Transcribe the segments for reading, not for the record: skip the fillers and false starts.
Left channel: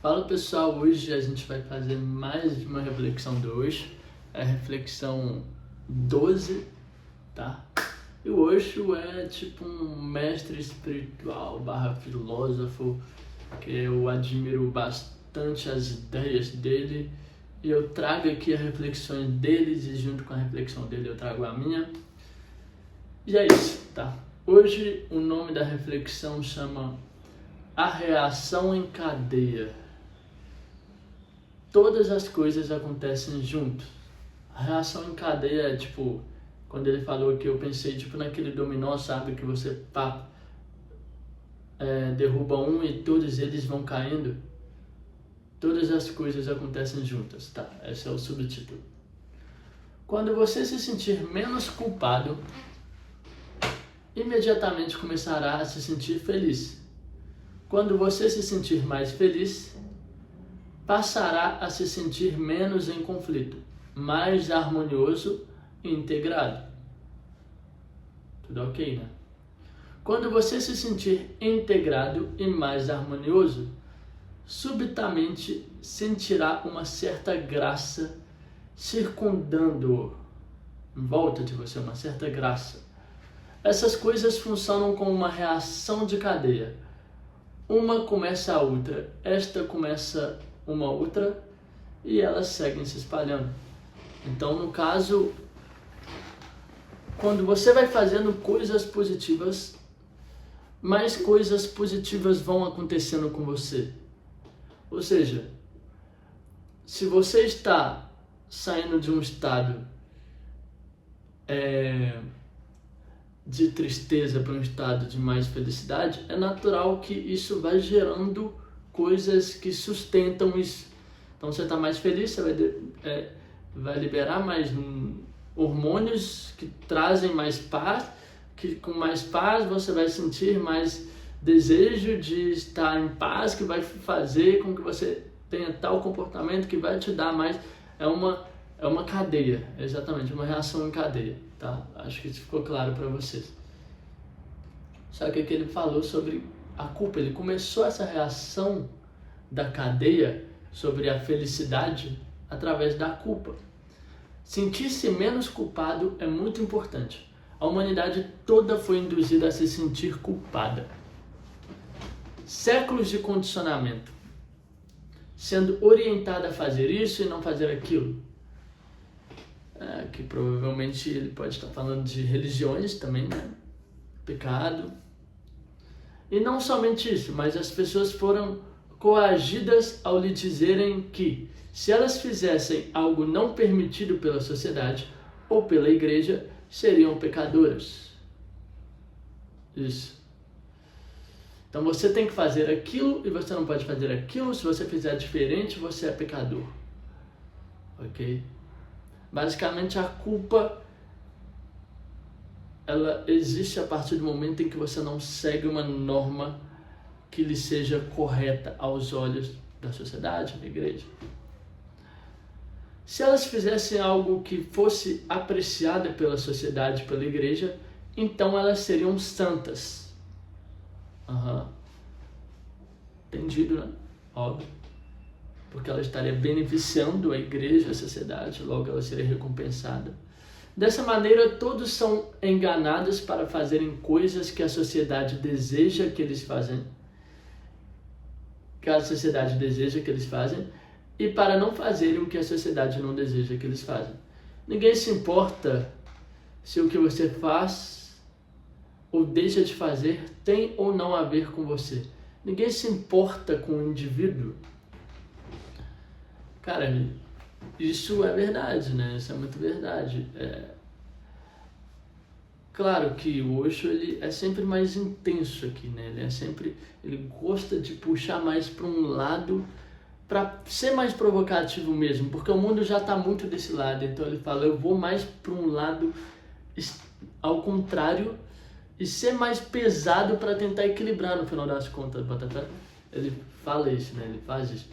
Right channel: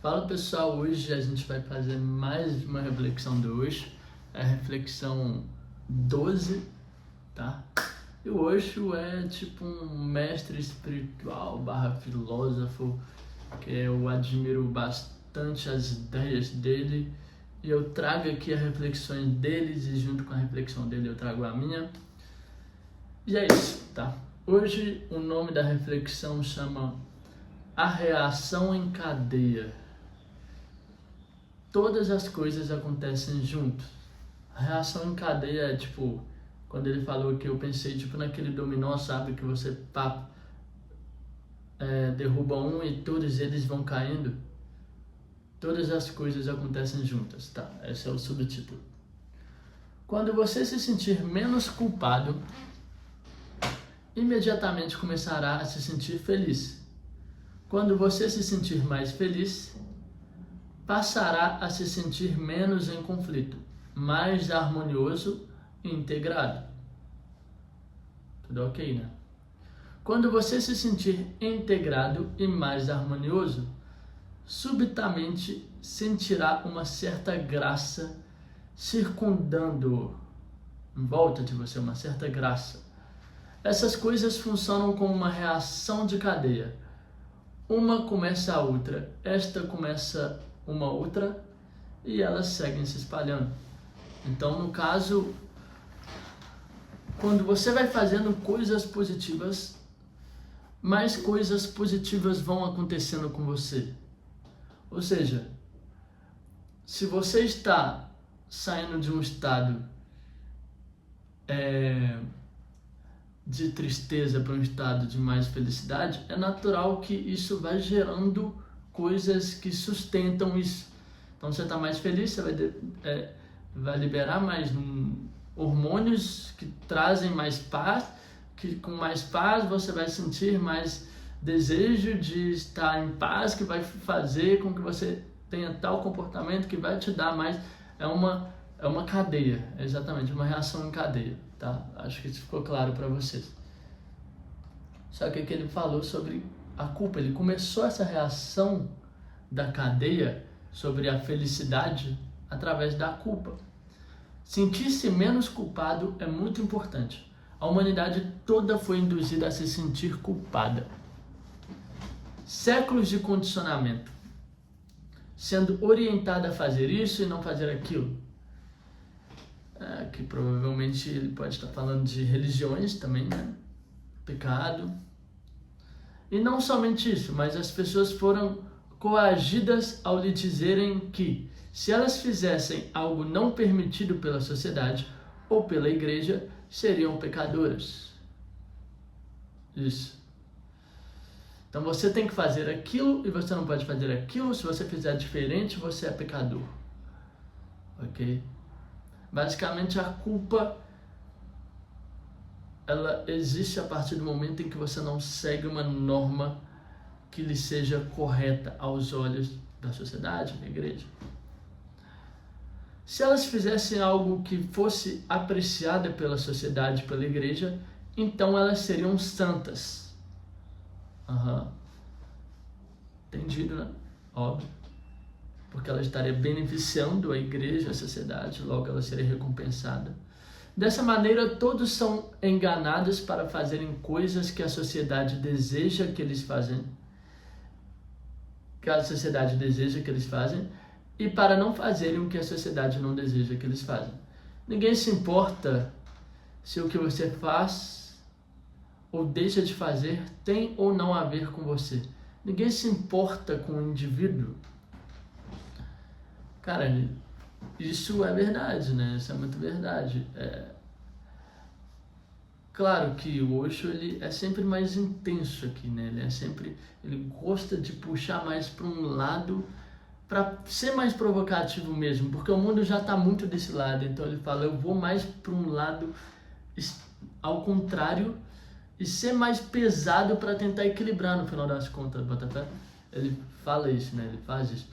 Fala pessoal, hoje a gente vai fazer mais uma reflexão de hoje, é a reflexão 12, tá? E o Osho é tipo um mestre espiritual barra filósofo que eu admiro bastante as ideias dele e eu trago aqui as reflexões deles e junto com a reflexão dele eu trago a minha. E é isso, tá? Hoje o nome da reflexão chama A Reação em Cadeia. Todas as coisas acontecem junto. A reação em cadeia é tipo, quando ele falou que eu pensei tipo naquele dominó, sabe? Que você derruba um e todos eles vão caindo. Todas as coisas acontecem juntas, tá? Esse é o subtítulo. Quando você se sentir menos culpado, imediatamente começará a se sentir feliz. Quando você se sentir mais feliz, passará a se sentir menos em conflito, mais harmonioso e integrado. Tudo ok, né? Quando você se sentir integrado e mais harmonioso, subitamente sentirá uma certa graça circundando-o. Em volta de você, uma certa graça. Essas coisas funcionam como uma reação de cadeia. Uma começa a outra, esta começa uma outra e elas seguem se espalhando. Então, no caso, quando você vai fazendo coisas positivas, mais coisas positivas vão acontecendo com você. Ou seja, se você está saindo de um estado de tristeza para um estado de mais felicidade, é natural que isso vai gerando coisas que sustentam isso. Então você está mais feliz, você vai liberar mais hormônios que trazem mais paz, que com mais paz você vai sentir mais desejo de estar em paz, que vai fazer com que você tenha tal comportamento que vai te dar mais. É uma cadeia, exatamente, uma reação em cadeia, tá? Acho que isso ficou claro para vocês. Só que aqui ele falou sobre a culpa, ele começou essa reação da cadeia sobre a felicidade através da culpa. Sentir-se menos culpado é muito importante. A humanidade toda foi induzida a se sentir culpada. Séculos de condicionamento, sendo orientada a fazer isso e não fazer aquilo. Que provavelmente ele pode estar falando de religiões também, né? Pecado. E não somente isso, mas as pessoas foram coagidas ao lhe dizerem que, se elas fizessem algo não permitido pela sociedade ou pela igreja, seriam pecadoras. Isso. Então você tem que fazer aquilo e você não pode fazer aquilo. Se você fizer diferente, você é pecador. Ok? Basicamente a culpa, ela existe a partir do momento em que você não segue uma norma que lhe seja correta aos olhos da sociedade, da igreja. Se elas fizessem algo que fosse apreciada pela sociedade, pela igreja, então elas seriam santas. Entendido, né? Óbvio. Porque ela estaria beneficiando a igreja, a sociedade, logo ela seria recompensada. Dessa maneira, todos são enganados para fazerem coisas que a sociedade deseja que eles fazem, e para não fazerem o que a sociedade não deseja que eles fazem. Ninguém se importa se o que você faz ou deixa de fazer tem ou não a ver com você. Ninguém se importa com o indivíduo. Cara, isso é verdade, né? Isso é muito verdade. Claro que o Osho, ele é sempre mais intenso aqui, né? Ele gosta de puxar mais para um lado, para ser mais provocativo mesmo, porque o mundo já está muito desse lado. Então ele fala, eu vou mais para um lado ao contrário e ser mais pesado para tentar equilibrar no final das contas, Botafé. Ele fala isso, né? Ele faz isso.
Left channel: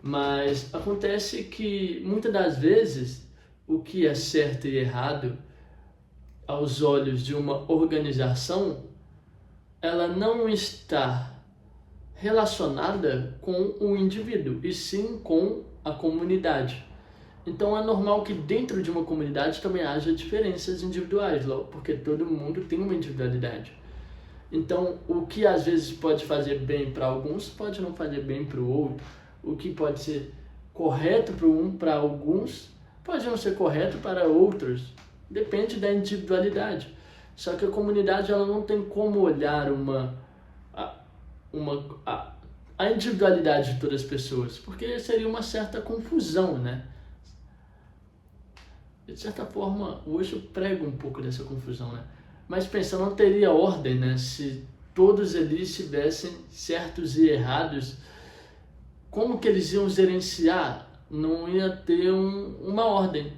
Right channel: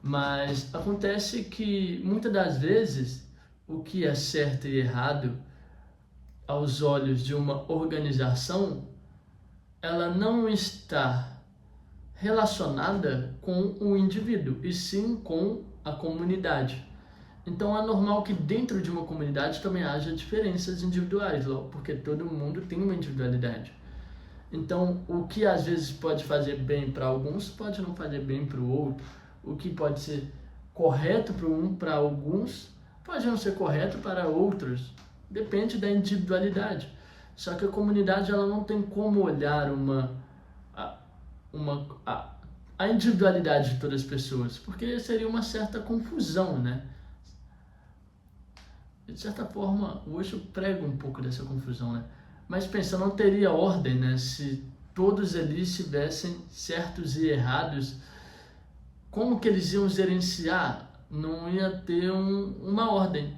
Mas acontece que muitas das vezes o que é certo e errado aos olhos de uma organização, ela não está relacionada com o indivíduo, e sim com a comunidade. Então é normal que dentro de uma comunidade também haja diferenças individuais, porque todo mundo tem uma individualidade. Então, o que às vezes pode fazer bem para alguns, pode não fazer bem para o outro. O que pode ser correto para alguns, pode não ser correto para outros. Depende da individualidade. Só que a comunidade ela não tem como olhar a individualidade de todas as pessoas, porque seria uma certa confusão, né? De certa forma, hoje eu prego um pouco dessa confusão, né? Mas pensa, não teria ordem, né? Se todos ali estivessem certos e errados, como que eles iam gerenciar? Não ia ter uma ordem.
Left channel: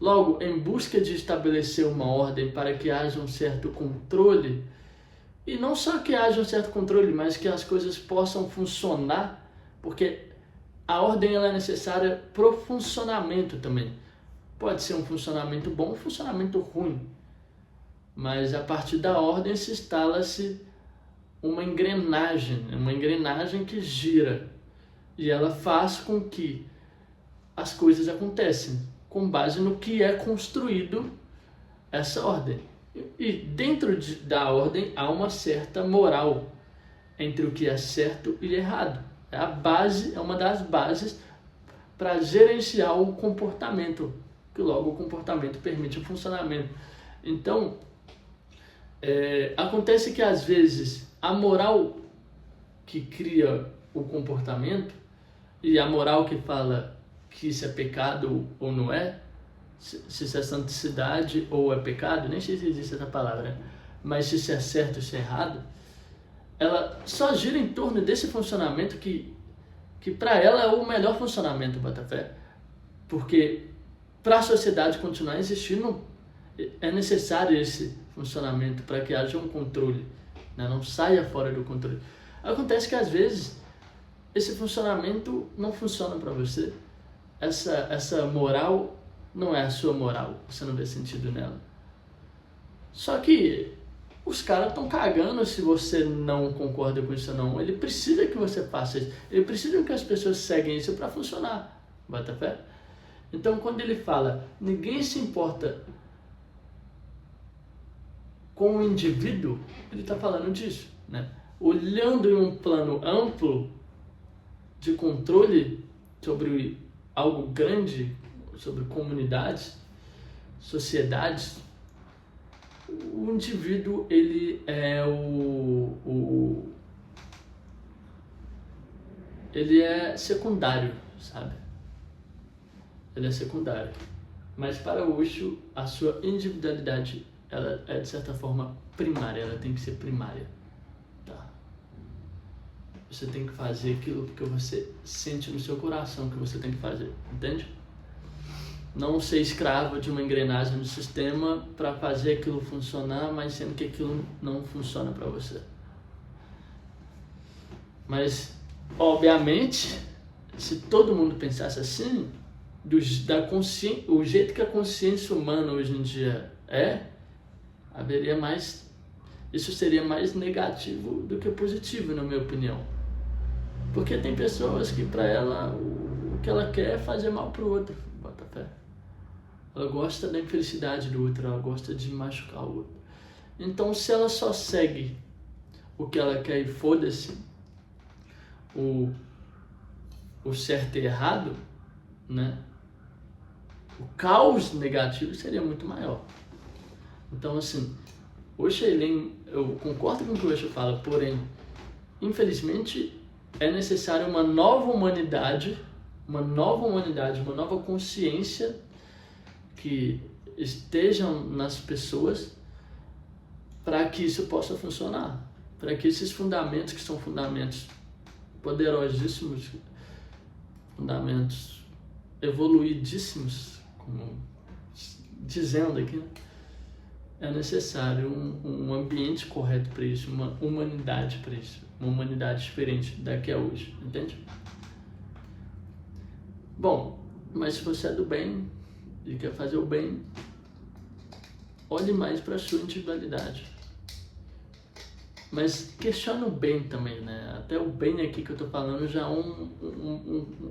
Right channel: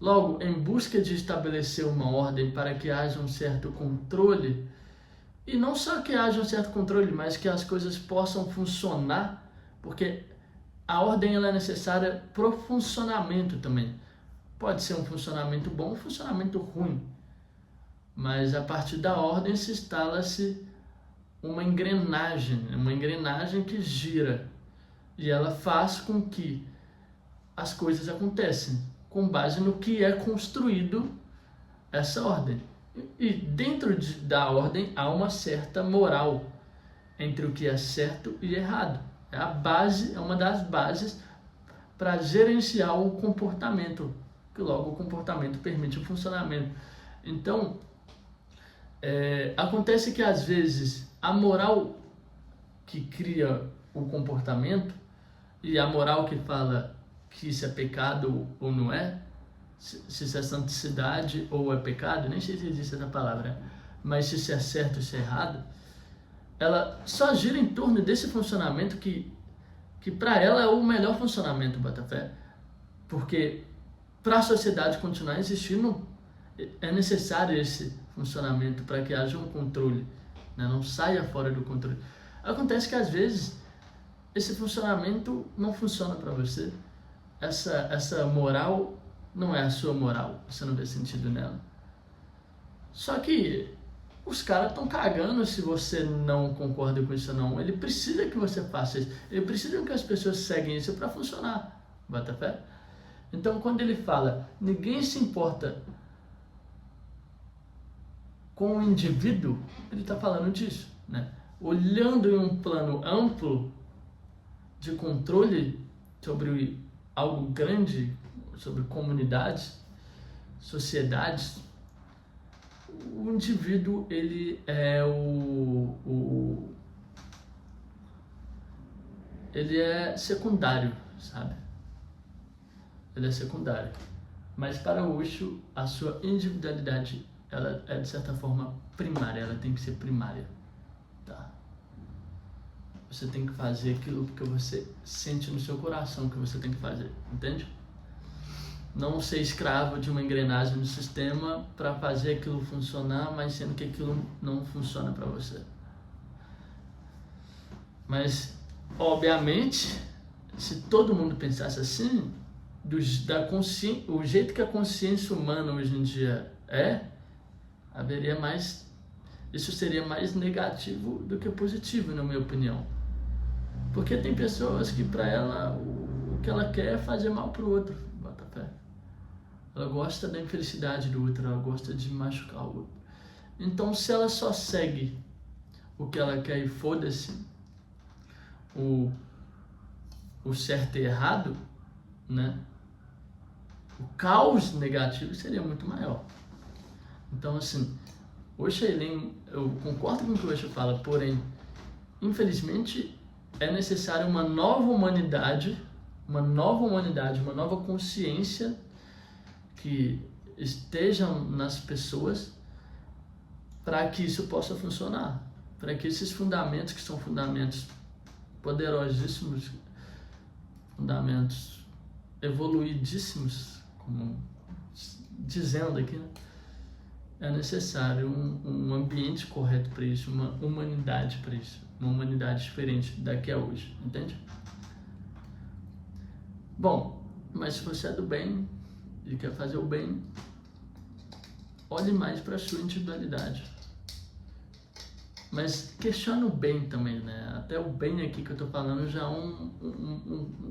Logo, em busca de estabelecer uma ordem para que haja um certo controle, e não só que haja um certo controle, mas que as coisas possam funcionar, porque a ordem ela é necessária para o funcionamento também. Pode ser um funcionamento bom ou um funcionamento ruim, mas a partir da ordem se instala-se uma engrenagem que gira, e ela faz com que as coisas aconteçam com base no que é construído essa ordem. E dentro da ordem há uma certa moral entre o que é certo e errado. É a base, é uma das bases para gerenciar o comportamento, que logo o comportamento permite o funcionamento. Então, acontece que às vezes a moral que cria o comportamento e a moral que fala que isso é pecado ou não é, se isso é santidade ou é pecado, nem sei se existe essa palavra, né? Mas se isso é certo ou se é errado, ela só gira em torno desse funcionamento que para ela é o melhor funcionamento, Botafé, porque para a sociedade continuar existindo, é necessário esse funcionamento para que haja um controle, né? Não saia fora do controle. Acontece que às vezes esse funcionamento não funciona para você, essa moral não é a sua moral, você não vê sentido nela. Só que os caras estão cagando se você não concorda com isso ou não. Ele precisa que você faça isso. Ele precisa que as pessoas seguem isso para funcionar. Bota fé? Então, quando ele fala, ninguém se importa com o indivíduo, ele está falando disso, né? Olhando em um plano amplo de controle sobre algo grande, sobre comunidades, sociedades, o indivíduo ele é ele é secundário, sabe? Ele é secundário. Mas para o Osho, a sua individualidade ela é de certa forma primária, ela tem que ser primária, tá? Você tem que fazer aquilo que você sente no seu coração que você tem que fazer, entende? Não ser escravo de uma engrenagem do sistema para fazer aquilo funcionar, mas sendo que aquilo não funciona para você. Mas, obviamente, se todo mundo pensasse assim, o jeito que a consciência humana hoje em dia haveria mais, isso seria mais negativo do que positivo, na minha opinião. Porque tem pessoas que para ela o que ela quer é fazer mal pro outro, bota fé. Ela gosta da infelicidade do outro, ela gosta de machucar o outro. Então, se ela só segue o que ela quer e foda-se o certo e errado, né? O caos negativo seria muito maior. Então, assim, Osho, eu concordo com o que o Osho fala, porém, infelizmente, é necessário uma nova humanidade, uma nova consciência que estejam nas pessoas para que isso possa funcionar, para que esses fundamentos, que são fundamentos poderosíssimos, fundamentos evoluidíssimos, como dizendo aqui, né? É necessário um ambiente correto para isso, uma humanidade para isso, uma humanidade diferente da que é hoje, entende? Bom, mas se você é do bem e quer fazer o bem, olhe mais para a sua individualidade. Mas questiona o bem também, né? Até o bem aqui que eu tô falando já é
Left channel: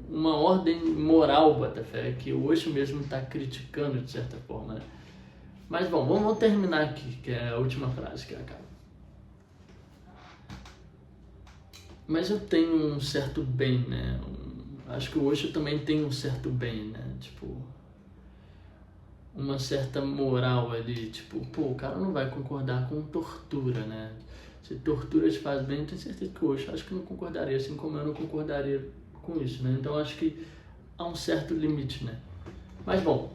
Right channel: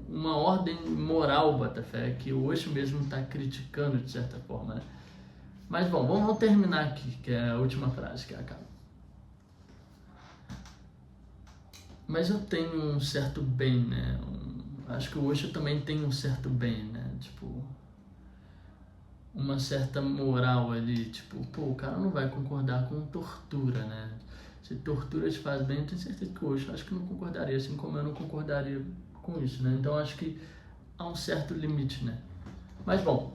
uma ordem moral, Botafé, que o Osho mesmo está criticando de certa forma, né? Mas bom, vamos terminar aqui, que é a última frase que acaba. Mas eu tenho um certo bem, né? Acho que o Osho também tem um certo bem, né? Tipo, uma certa moral ali, tipo, pô, o cara não vai concordar com tortura, né? Se tortura te faz bem, eu tenho certeza que o Osho acho que não concordaria, assim como eu não concordaria com isso, né? Então acho que há um certo limite, né? Mas bom,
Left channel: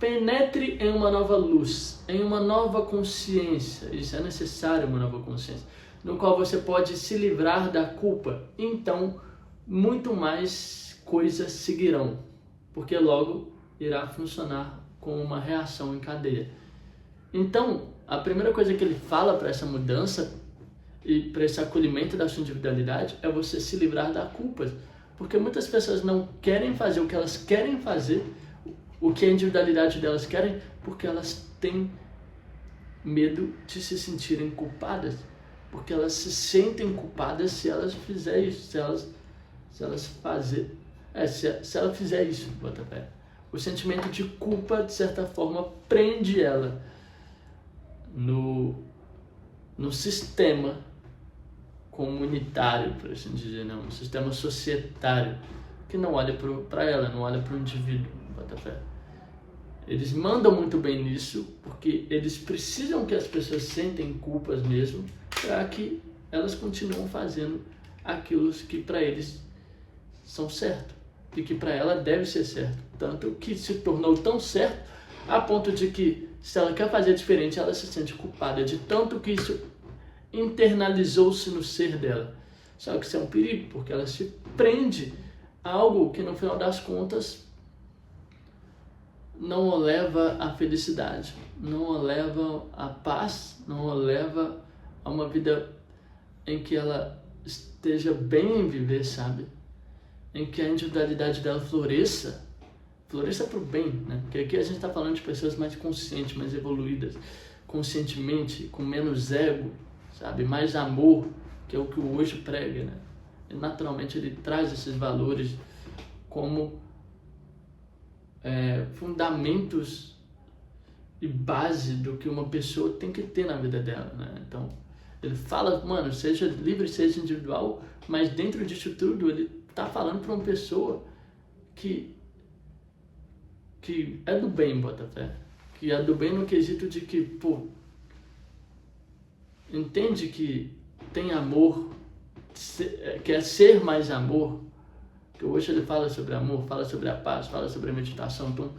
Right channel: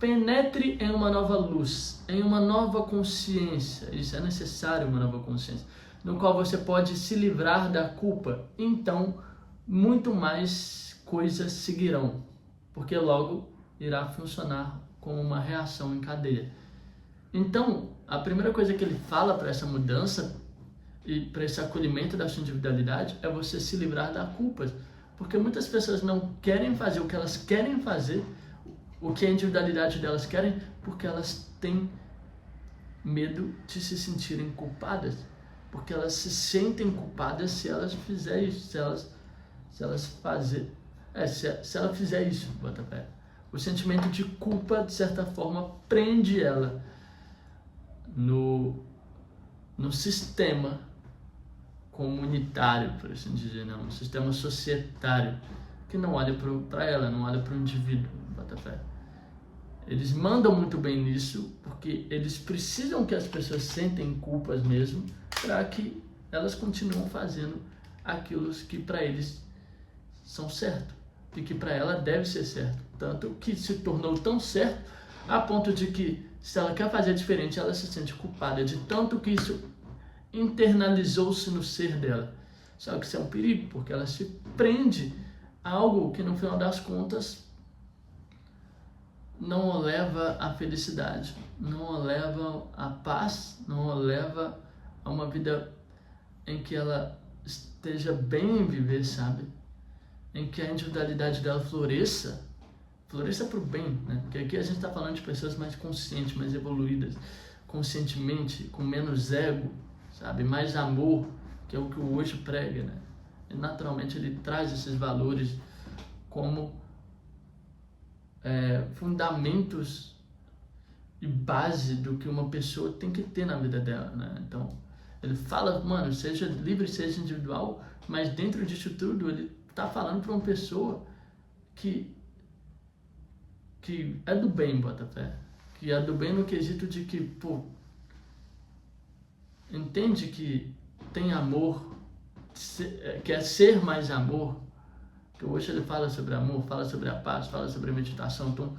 penetre em uma nova luz, em uma nova consciência, isso é necessário, uma nova consciência, no qual você pode se livrar da culpa, então muito mais coisas seguirão, porque logo irá funcionar como uma reação em cadeia. Então, a primeira coisa que ele fala para essa mudança e para esse acolhimento da sua individualidade é você se livrar da culpa, porque muitas pessoas não querem fazer o que elas querem fazer, o que a individualidade delas querem, porque elas têm medo de se sentirem culpadas, porque elas se sentem culpadas se elas fizerem isso, se ela fizer isso, Botafé. O sentimento de culpa, de certa forma, prende ela no sistema comunitário, por assim dizer, não, um sistema societário, que não olha para ela, não olha para o indivíduo, Botafé. Eles mandam muito bem nisso, porque eles precisam que as pessoas sentem culpas mesmo, para que elas continuem fazendo aquilo que para eles são certo, e que para ela deve ser certo. Tanto que se tornou tão certo, a ponto de que, se ela quer fazer diferente, ela se sente culpada, de tanto que isso internalizou-se no ser dela. Só que isso é um perigo, porque ela se prende a algo que, no final das contas, não o leva à felicidade, não o leva à paz, não o leva a uma vida em que ela esteja bem em viver, sabe? Em que a individualidade dela floresça para o bem, né? Porque aqui a gente está falando de pessoas mais conscientes, mais evoluídas, conscientemente, com menos ego, sabe? Mais amor, que é o que o Osho prega, né? E naturalmente ele traz esses valores como fundamentos e base do que uma pessoa tem que ter na vida dela, né? Então, ele fala, mano, seja livre, seja individual, mas dentro disso tudo ele tá falando para uma pessoa que é do bem, Botafé, que é do bem no quesito de que, pô, entende que tem amor, quer ser mais amor, que hoje ele fala sobre amor, fala sobre a paz, fala sobre a meditação, então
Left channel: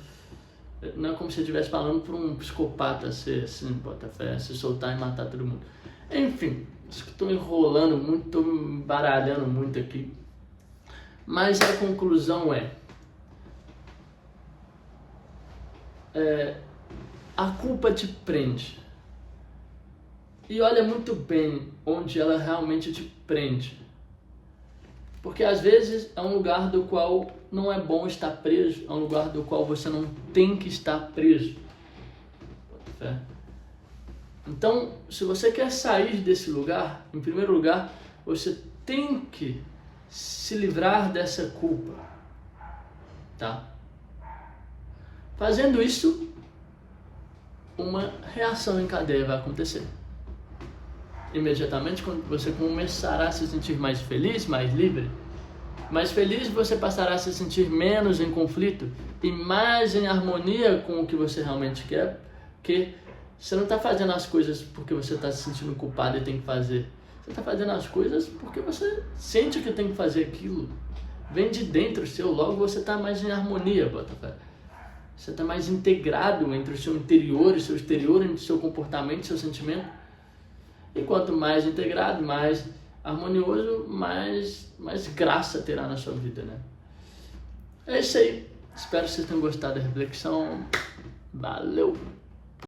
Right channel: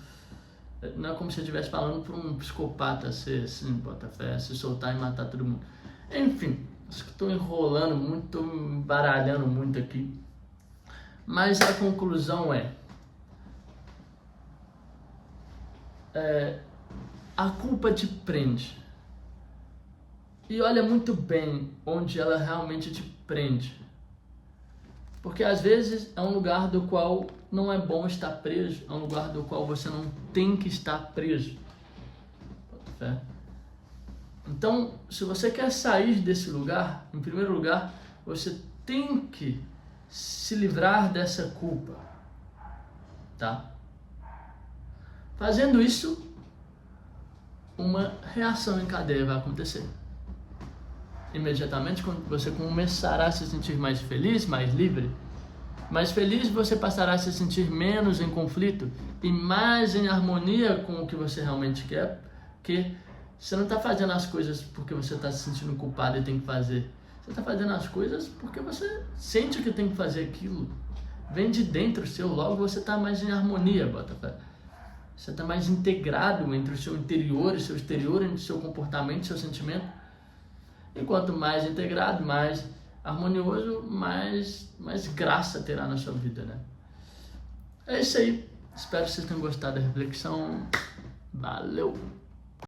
não é como se ele estivesse falando para um psicopata ser assim, Botafé, se soltar e matar todo mundo. Enfim, estou enrolando muito, estou me baralhando muito aqui, mas a conclusão a culpa te prende. E olha muito bem onde ela realmente te prende. Porque às vezes é um lugar do qual não é bom estar preso, é um lugar do qual você não tem que estar preso. Então, se você quer sair desse lugar, em primeiro lugar, você tem que se livrar dessa culpa, tá? Fazendo isso, uma reação em cadeia vai acontecer. Imediatamente, quando você começará a se sentir mais feliz, mais livre, mais feliz, você passará a se sentir menos em conflito e mais em harmonia com o que você realmente quer, porque você não está fazendo as coisas porque você está se sentindo culpado e tem que fazer. Você está fazendo as coisas porque você sente que tem que fazer aquilo. Vem de dentro seu, logo você está mais em harmonia, Botafé. Você está mais integrado entre o seu interior e seu exterior, entre o seu comportamento e seu sentimento. E quanto mais integrado, mais harmonioso, mais graça terá na sua vida, né? É isso aí. Espero que vocês tenham gostado da reflexão. Valeu!